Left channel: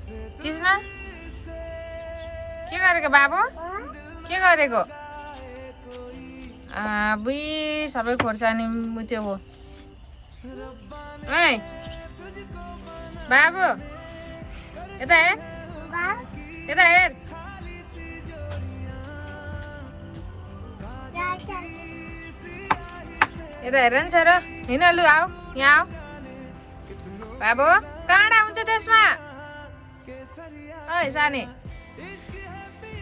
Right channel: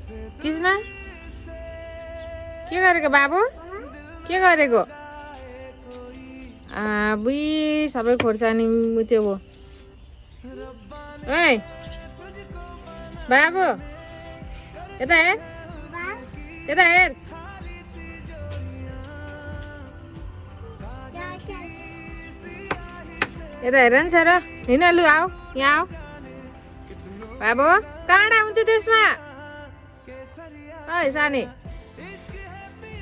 कृष्ण के गरेको बाबु के गरेको बुई सबै खोर्सानी त्यो ए बाबु यता हेर यता हेर यता हेर नि छोरा हिँड लु आऊ यहाँ आऊ बाबु काँडा हुन्छ त्यसमा ओइ सानी